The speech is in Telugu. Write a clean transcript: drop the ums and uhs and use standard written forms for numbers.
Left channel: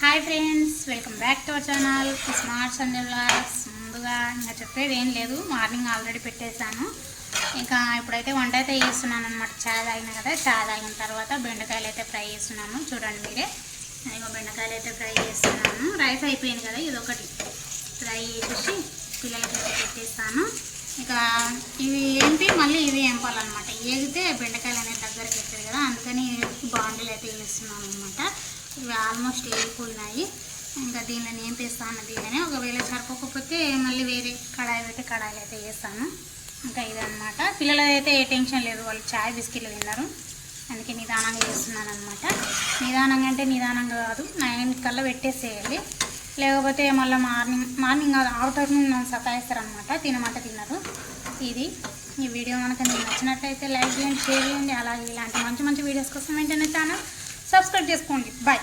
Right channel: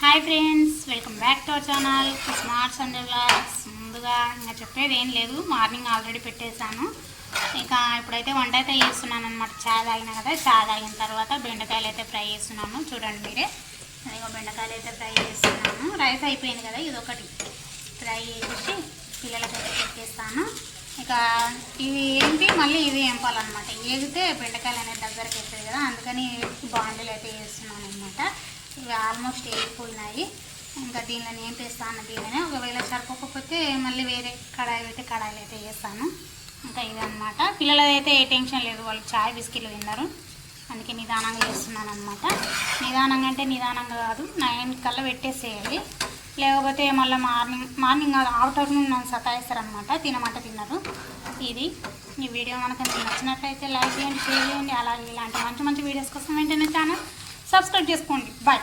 Hi friends, welcome back to our channel smart Sunday vlogs. ముందుగా ఇంకా చెప్పేది ఏం లేదు, మార్నింగ్ ఆల్రెడీ పెట్టేశాను. ఇక ఇప్పుడైతే వంట అయితే చేస్తున్నాను అనమాట. చాయ్ తాగిన కదా, చాయ్ తాగిన తర్వాత బెండకాయలు అయితే ఫ్రై చేస్తున్నాను. చూడండి మీరే, ఇక బెండకాయలు అయితే ఫ్రై చేస్తున్నాను. రైస్ అయిపోయింది కదా, ఇది ఒకటి ఫ్రై చేసి పిల్లలకైతే పెట్టేస్తాను. ఇక ఇవి ఏంటి, మళ్ళీ ఇది ఏంపాలన్నమాట. ఏగితే బెండకాయలు అనేది దగ్గరికి వస్తాయి కదా, అందుకని బాండీలు అయితే వేస్తున్నాను అనమాట. ఇవి ఆల్మోస్ట్ వేగిపోయినాయి. ఇంకా దీనిలో ఏం వేస్తాను, దీనిని ఒకవేళ సరిపోకపోతే మళ్ళీ వేరే కడాయిలు అయితే వేస్తాను. ఇంకా ఇదన్నమాట. పిల్లలదైతే ఏ టెన్షన్ లేదు, వాళ్ళు చాయ్ బిస్కెట్లు తిన్నారు, అందుకే నిదానంగా చేస్తున్నాను అనమాట. నిదానంగా అంటే నిదానంగా కాదు, 9 కల్లా పెట్టేసేయాలి. లేకపోతే మళ్ళీ మార్నింగ్ ఆఫ్టర్నూన్ నన్ను సతాయిస్తారనమాట, తినమంటే తిన్నారు. ఇది ఈ వీడియో కనుక మీకు నచ్చినట్లయితే లైక్ చేయండి, షేర్ చేయండి. అలాగే ఇలాంటి మంచి మంచి వీడియోస్ కోసం వెంటనే ఛానల్ సబ్స్క్రైబ్ చేసుకోండి. బాయ్.